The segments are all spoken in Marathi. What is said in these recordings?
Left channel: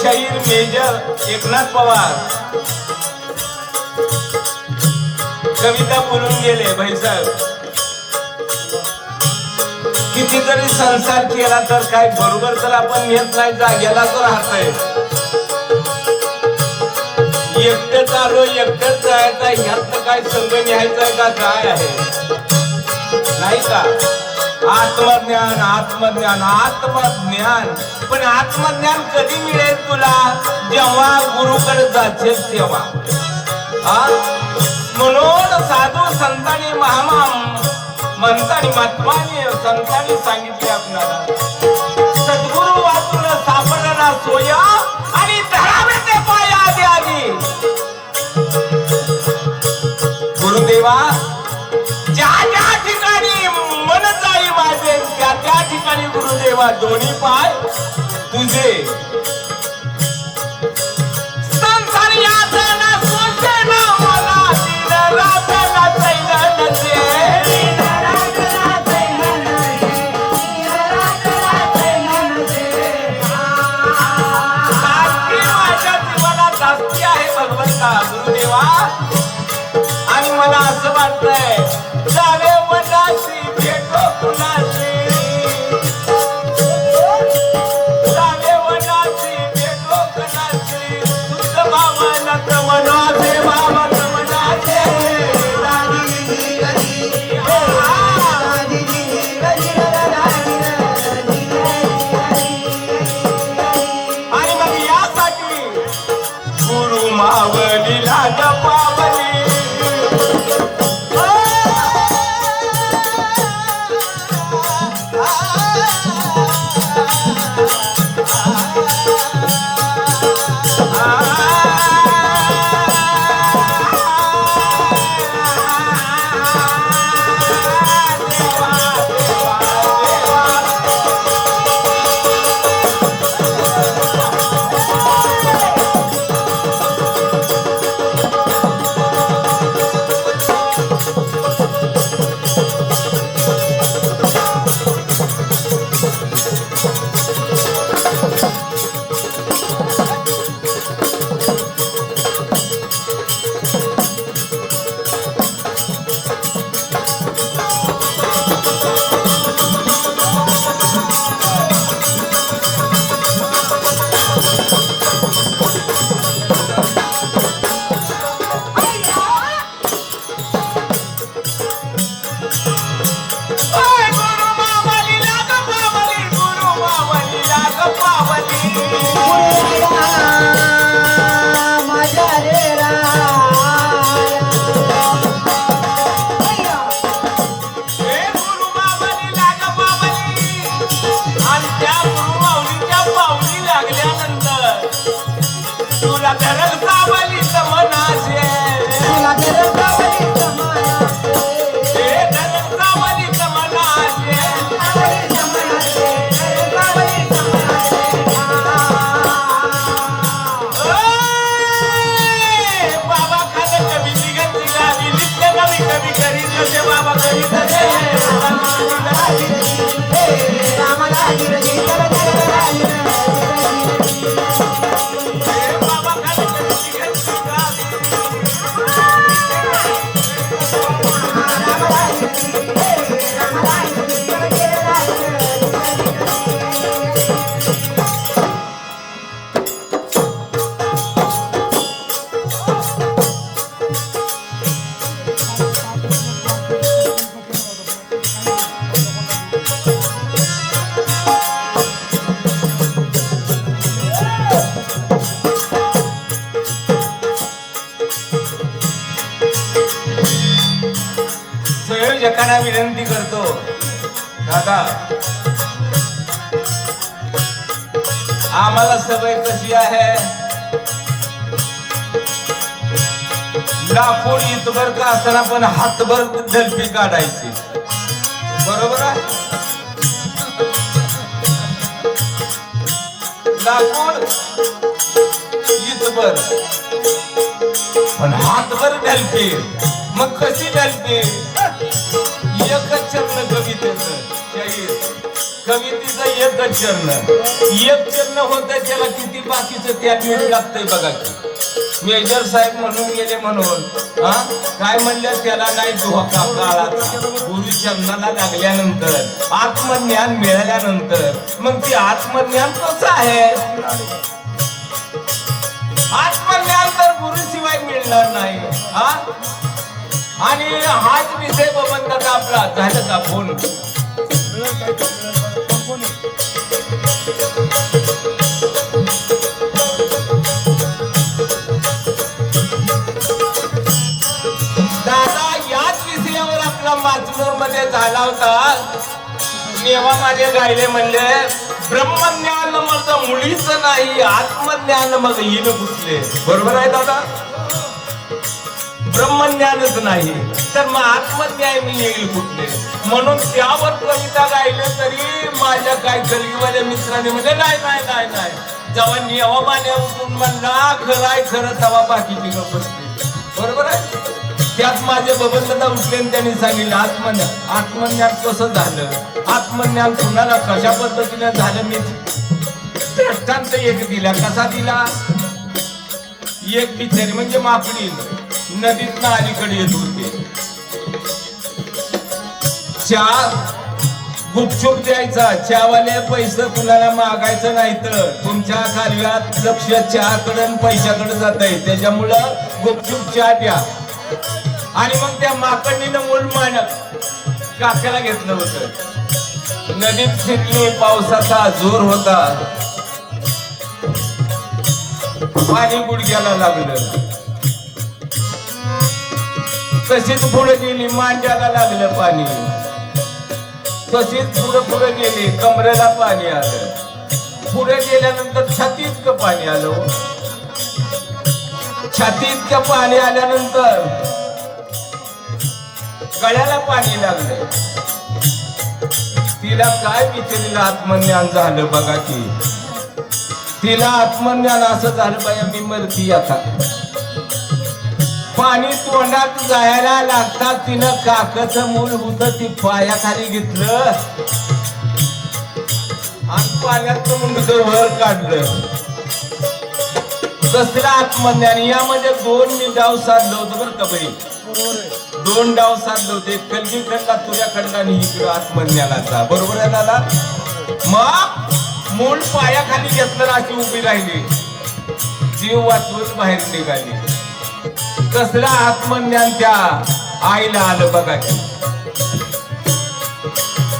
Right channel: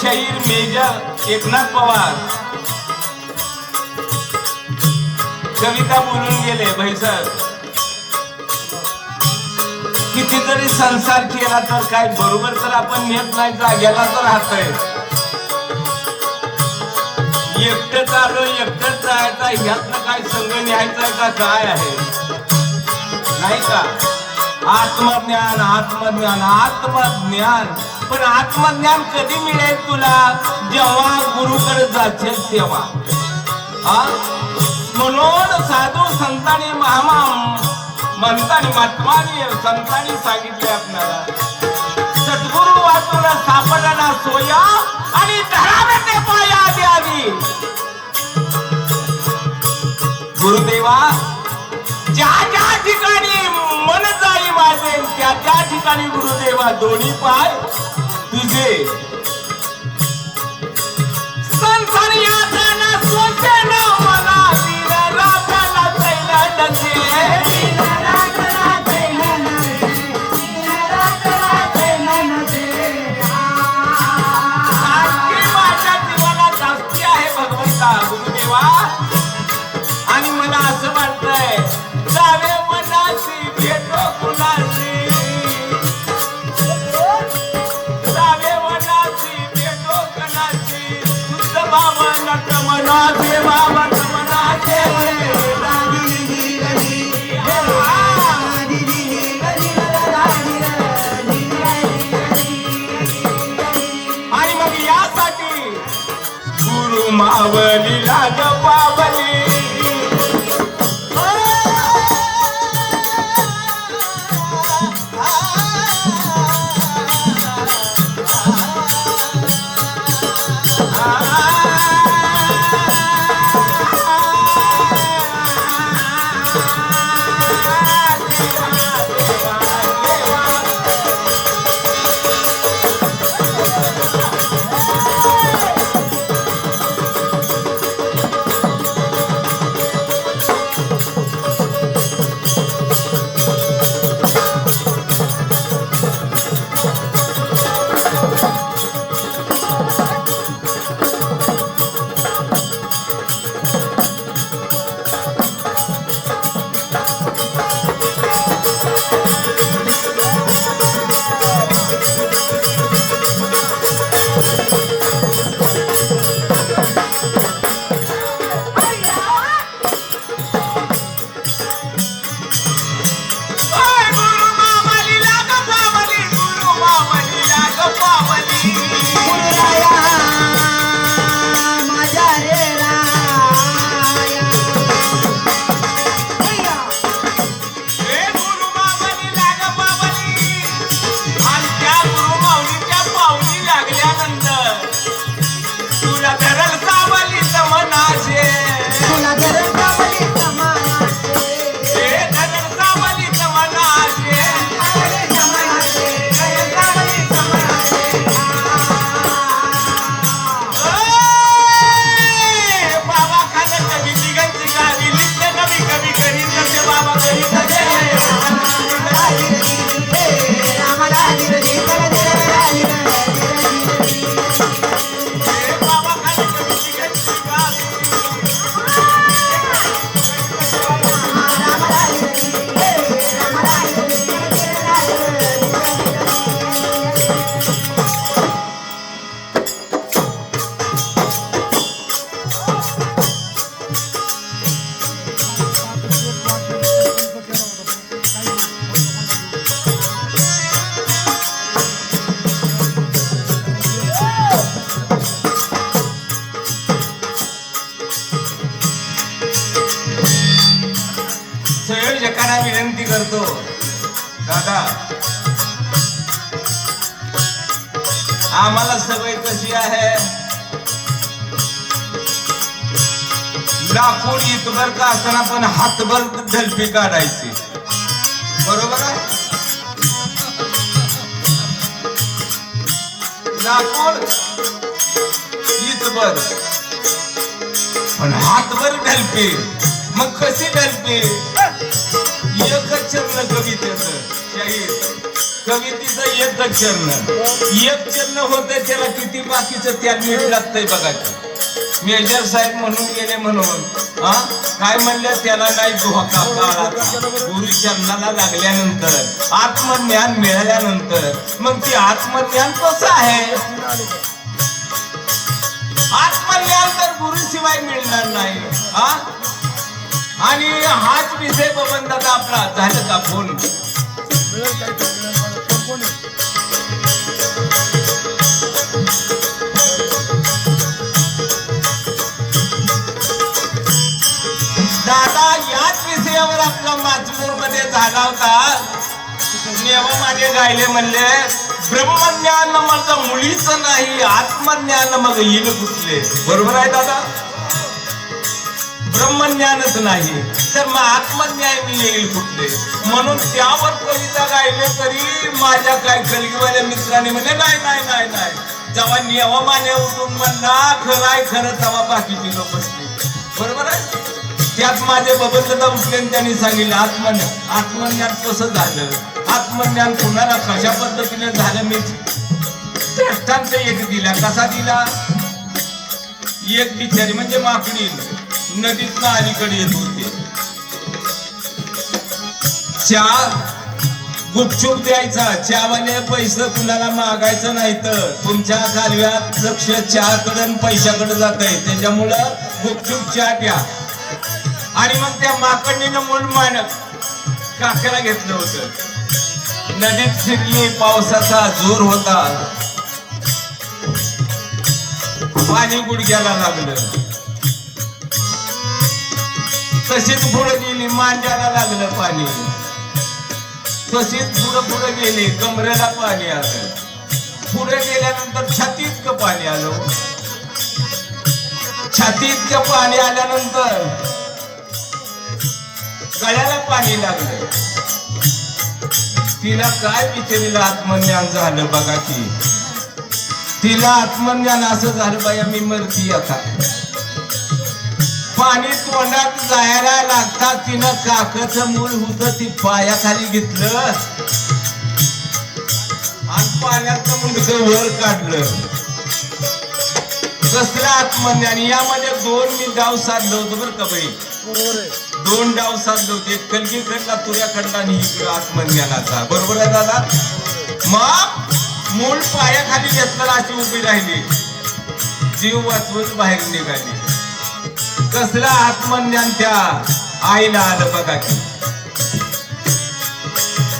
शाहीर मेजर एकनाथ पवार कविता बोलून गेले भाईसाहेब. कितीतरी संसार केला तर काय बरोबर तर आपण येत नाही, जाग्याला तर राहतोय. एकटंच आलो एकटंच जायचं, ह्यातनं काय संघ न्यायचा का काय आहे नाही का. आत्मज्ञान आत्मज्ञान आत्मज्ञान, पण आत्मज्ञान कधी मिळेल तुला, जेव्हा गुरुकडे जाशील तेव्हा. म्हणून साधू संतांनी म्हणतानी महात्माने संतांनी सांगितले आपल्याला, सद्गुरु वाचून सापडला सोया आणि धरावे ते पाया द्यावी. गुरुदेवा ज्या ज्या ठिकाणी मन जाई माझे, त्या त्या ठिकाणी गुरुदेवा दोन्ही पाय तुझे. संसार यातना सोचे ना मला, दिन रातना चैतन्य माझ्या जीवनात जास्ती आहे भगवंता गुरुदेवा. आणि मला असं वाटतंय जावे मनाशी भेटो कुणाशी, जावे मनाशी आम्हाला सवय कशी आहे, लाकूड इतभर का असताना पण हातभर झलपी काढायची, बरोबर आहे? लाकूड इतभर पण हातभर ढलपी. मग कशी ढलपी? एकच चरण कवितेचं शाहीर, कवितेचं एकच चरण, एक चरण होतंय त्याला किती बाकीचं त्या मीठ लागतंय बघा. मेजर साहेब म्हणून गेले म्हणून काय म्हणले, त्याला काय धोका काळाचा. गुरुचरणाला लागल्यानंतर, आत्मज्ञान मिळाल्यानंतर मग ती आत्मज्ञान कसं आहे? आत्मज्ञान तर गुरुशिवाय मिळणार नाही. आणि हाच विषय बबनदादा आपला. झालं का फोन? दादा याच विषयावर आपला माचूर मध्ये झाला होता. नेवा माझे गायले म्हणले, ब्रह्मज्ञान माझं मुळीच नाही, आत्मज्ञान मग येईल कुठले. बरोबर आहे दादा? ब्रह्मज्ञानच नाही तर मग आत्मज्ञान येईल कुठले. म्हणून त्यावर कविता गायले तरी माझ्या काय कलगीवाल्या मित्रांनी म्हणजे नाही नाही नाही नाही, जेव्हा नेवा मान्या उठून म्हणला खरंय खरं तेव्हा बाकीची लोक बसली. बरोबर आहे? त्यात माझे बबनदादा उठले आणि त्यांनी सांगितलं आत्मज्ञान. आत्मज्ञान कसं झालं, आत्मज्ञान कुणाला कशा पद्धतीने झालं. मी श्रेष्ठांत एक दिला. कसा दिला? एक बिचारी म्हणजे माकडी नदीतनं अलीकडे येत होते. चहा गुपचूप द्यायचा, चहावाले पैसे कुणाला मागायचं नाही तर तुमच्या कालव्यात लक्ष चहाकडे पैशाकडे जात आहे, त्याच्यामुळं गुपचूप चहा द्या. आणि मग त्या माकडीनं मूल मान काकाला घेतलं होतं. नदीत शिरली, पावसाचा जोर होता, पाणी गुडघ्याला लागलं. तशीच पुढे गेली, मांड्याला लागलं पाणी. तशीच पुढे गेली, कमरेला पाणी आलं. पुढे गेल्यानंतर छातीत पाणी आलं. छातीत पाणी आल्यानंतर गळ्याला पाणी लागलं. तिला काय बिचारीला आत्मज्ञान झालं बघा की. तिला आत्मज्ञान असं झालं, बाया मी मरती आता. पाणी तोंडात जायला लागतात तिनं काकाचं मूल होतं ती पायाखाली घेतलं आणि पाण्याचं मुंडकं वर काढलं. कसलं आत्मज्ञान. यामध्ये दोन मी डाव साधलं होतं बरं का बाई, दोन डाव साधले होते. कलगी खंडा, तुऱ्या खंडा आणि इकडं आत्मज्ञानाचा. बरोबर आहे दादा? मग मूल पायाखाली घेतलं, अशी उभी राहिली, जीव वाचवून बाहेर निघाली. कसलं आत्मज्ञान त्या आईला आलं बघा की.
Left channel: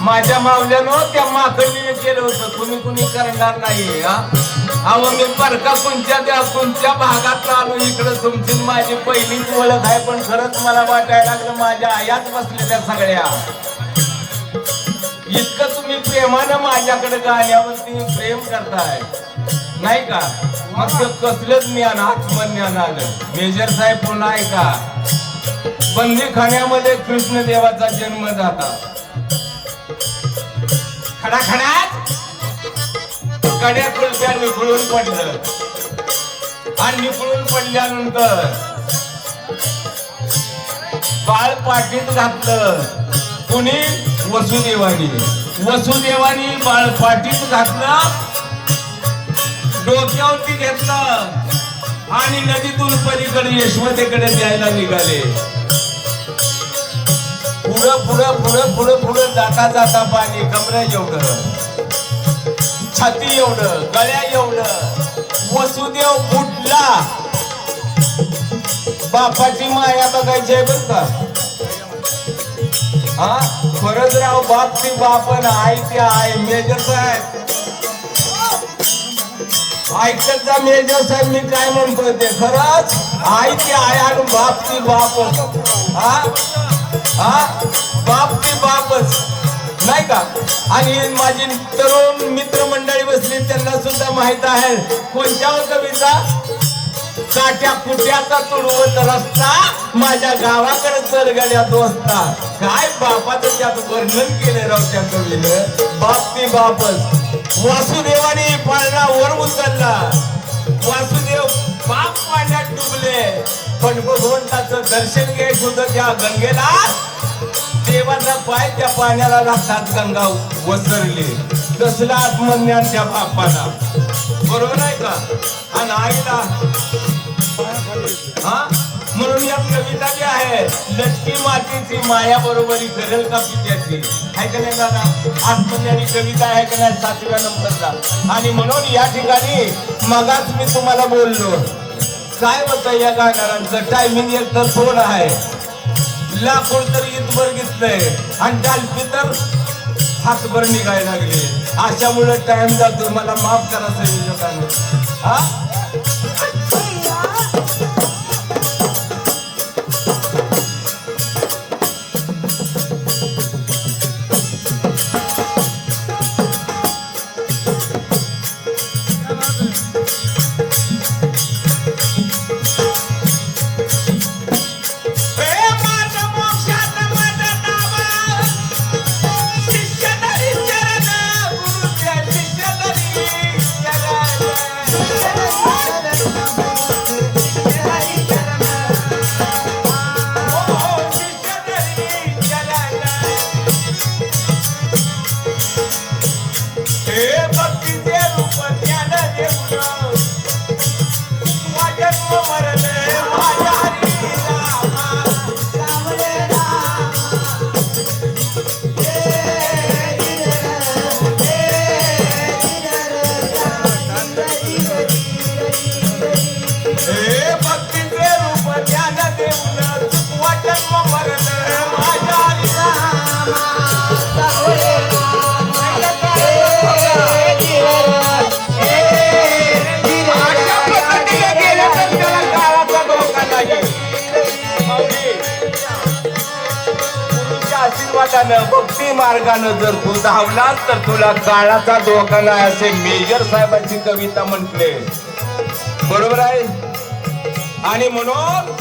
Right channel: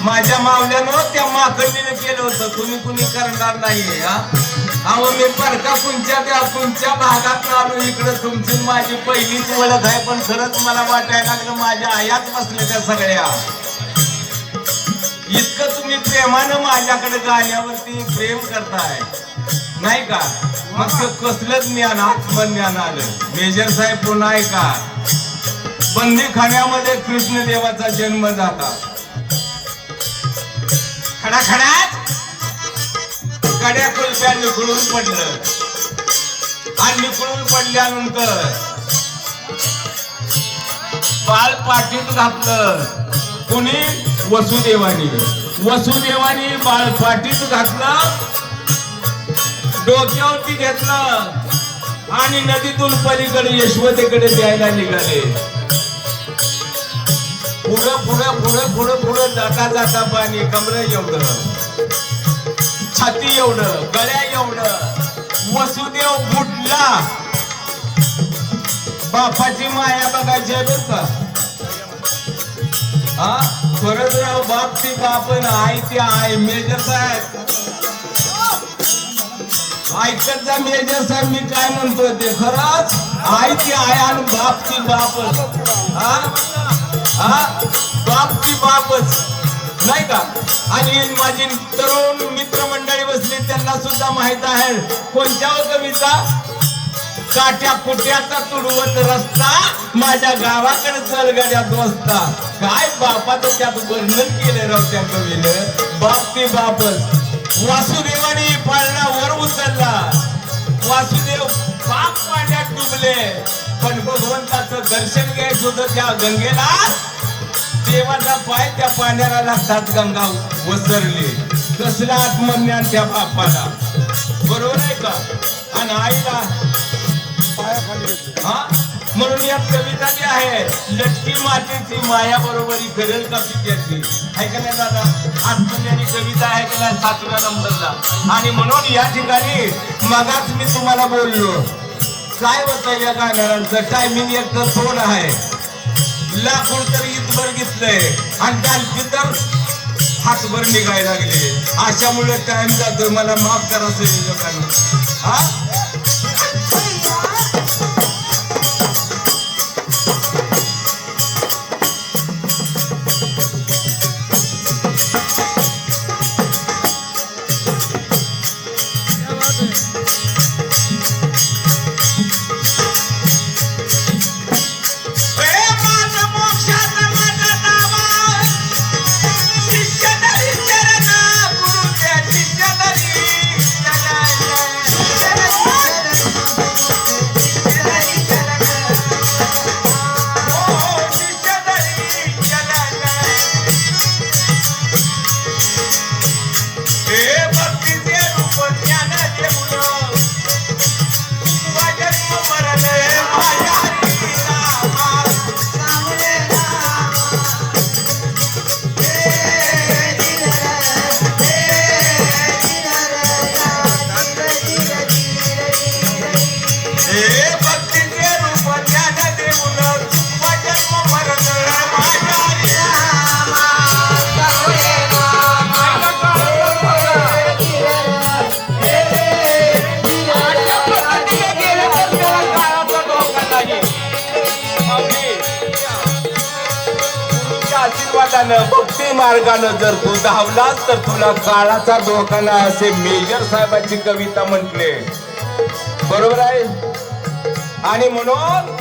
माझ्या मावल्यानं त्या माकडीने केलं होतं, कुणी कुणी करणार नाही. अहो मी परका तुमच्या भागात आलो इकडं. तुमची माझी पहिलीच ओळख आहे, पण खरंच मला वाटायला लागलं माझ्या आयात बसल्या त्या सगळ्या. इतकं तुम्ही प्रेमानं माझ्याकडे गाण्यावरती प्रेम करताय नाही का? मग कसलंच ज्ञान, आत्मज्ञान आलं. मेजर साहेब पुन्हा आहे का, बंदीखान्यामध्ये कृष्णदेवाचा जन्म झाला. खडाखडात कड्या कुलप्या निखळून पडलं आणि निखळून पडल्यानंतर बाळ पाठीत घातलं. कुणी? वसुदेवानी. वसुदेवानी बाळ पाठीत घातलं, डोक्यावरती घेतलं आणि नदीतून पलीकडे यशवतेकडे द्यायला निघाले. पुढं पुढं पुढं पुढं पुढं जाता जाता पाणी कमरा एवढं, छाती एवढं, गळ्या एवढं. वसुदेव बुडला. बापाची माया बघायची बर का. खरंच राव, बाप ती बाप आई ती आई. मेजर साहेब ऐकत जा. मेजर साहेब मी काय म्हणतोय ते खरंच. आई ती आई आणि बाप ती बाप. बाप ती बापच नाही का. आणि माझी तरुण मित्रमंडळी बसली, त्यांना सुद्धा माहिती लिहायचा आहे कोणत्या कविता? काट्या कुट्याचा तुडवत रस्ता माझ्या गावाकडे चलगड्यात वसता. काय बापाचं त्यात वर्णन केले राव त्या कवीनं. बाप ती बापच. वासुदेवाने पाळणा वर उचलला. वासुदेव पाप पाण्यात डुबले पण भगवंताचं दर्शन घ्यायचं होतं त्या गंगेला. देवाचा पाय त्या पाण्याला लागतात गंगा वसरली. कसला आत्मज्ञान त्या बापाला. बरोबर आहे का? आणि आईला म्हणून या कविता जी आहे लटकी मातीची माया बरोबरी करेल का पित्याची आहे का नाही दादा. आत्मज्ञानी कविता आहे का नाही 7व्या नंबरला. आणि म्हणून या ठिकाणी मगाच मी तुम्हाला बोललो काय होतं या गाणाऱ्यांचं टायमिंग एक तर थोडं आहे. लाकूड तर इथभर घेतलंय आणि कालपी तर हातभर निघायला लागले. अशामुळे टाइम जातोय. मला माफ करा संयोजकांनी. हा भक्ती मार्गानं जर तू धावलास तर तुला काळाचा धोका नाही असे मेजर साहेबांची कविता म्हटले. बरोबर आहे. आणि म्हणून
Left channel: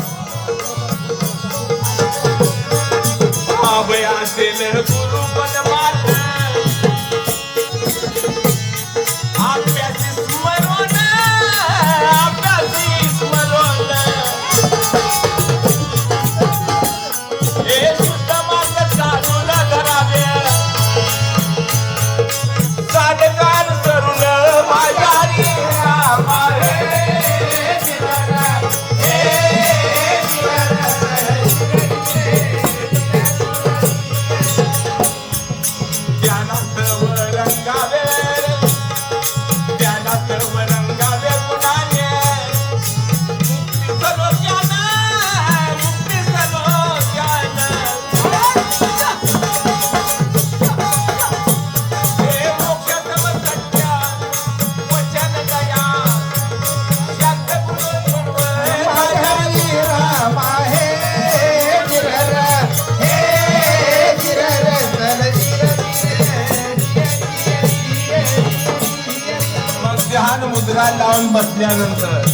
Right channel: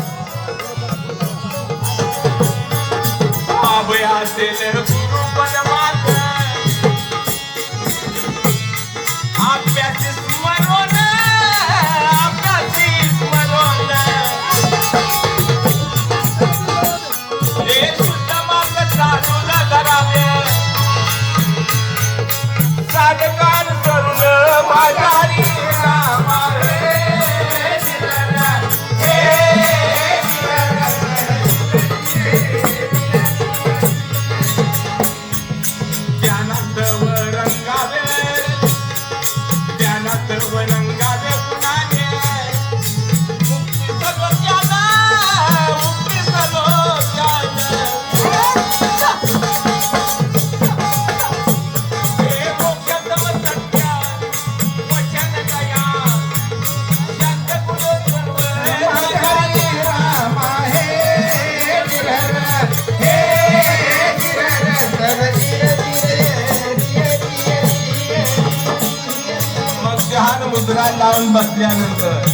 लावून बसल्यानंतर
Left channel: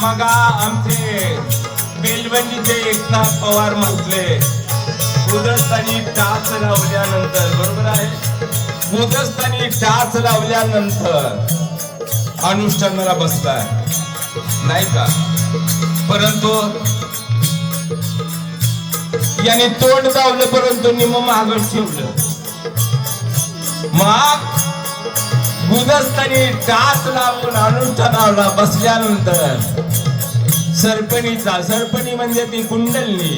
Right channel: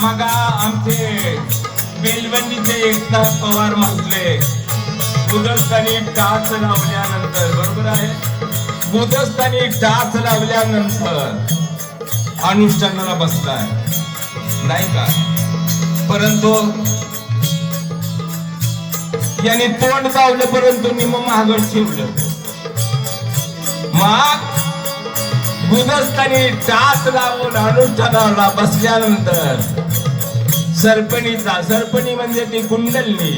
मग आमचे बेलवंडीचे एकनाथ पवार म्हटले गुदस्थानी टाच लावल्यानंतर. बरोबर आहे. गुदस्थानी टाच लावल्यानंतर अनुष्ठानाला बसलाय नाही का. परंतु याने तोंड दावलं परंतु निम महागड ठेवलं. मग गुदस्थानी टाच लावून अनुष्ठानाला बसल्यानंतर सरपणी म्हणजे ती कुंडलनी.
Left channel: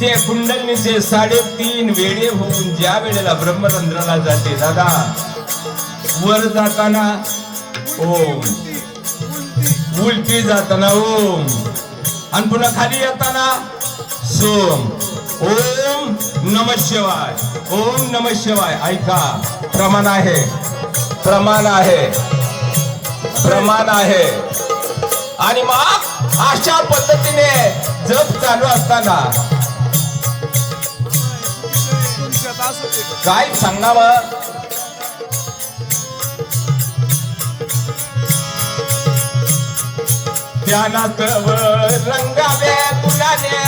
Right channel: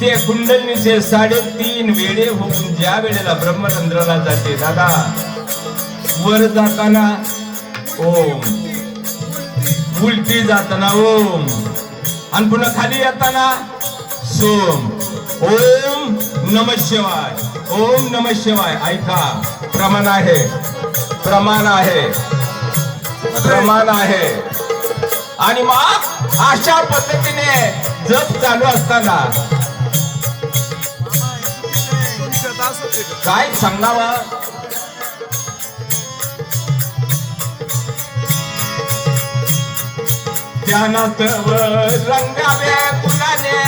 ते कुंडलनीचे 3.5 वेळे होऊन ज्या वेळेला ब्रह्मरंध्राला जाते दादा वर जाताना ओम, उलटी जाताना ओम आणि पुन्हा खाली येताना सोम. ओम नमः शिवाय, ओम नमः शिवाय. ऐका प्रमाण आहे, प्रमाण आहे, प्रमाण आहे. आणि मग अशा पद्धतीने जप चालू असताना काय सांगावं ध्यानात रंगावे गुलाने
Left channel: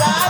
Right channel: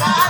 चला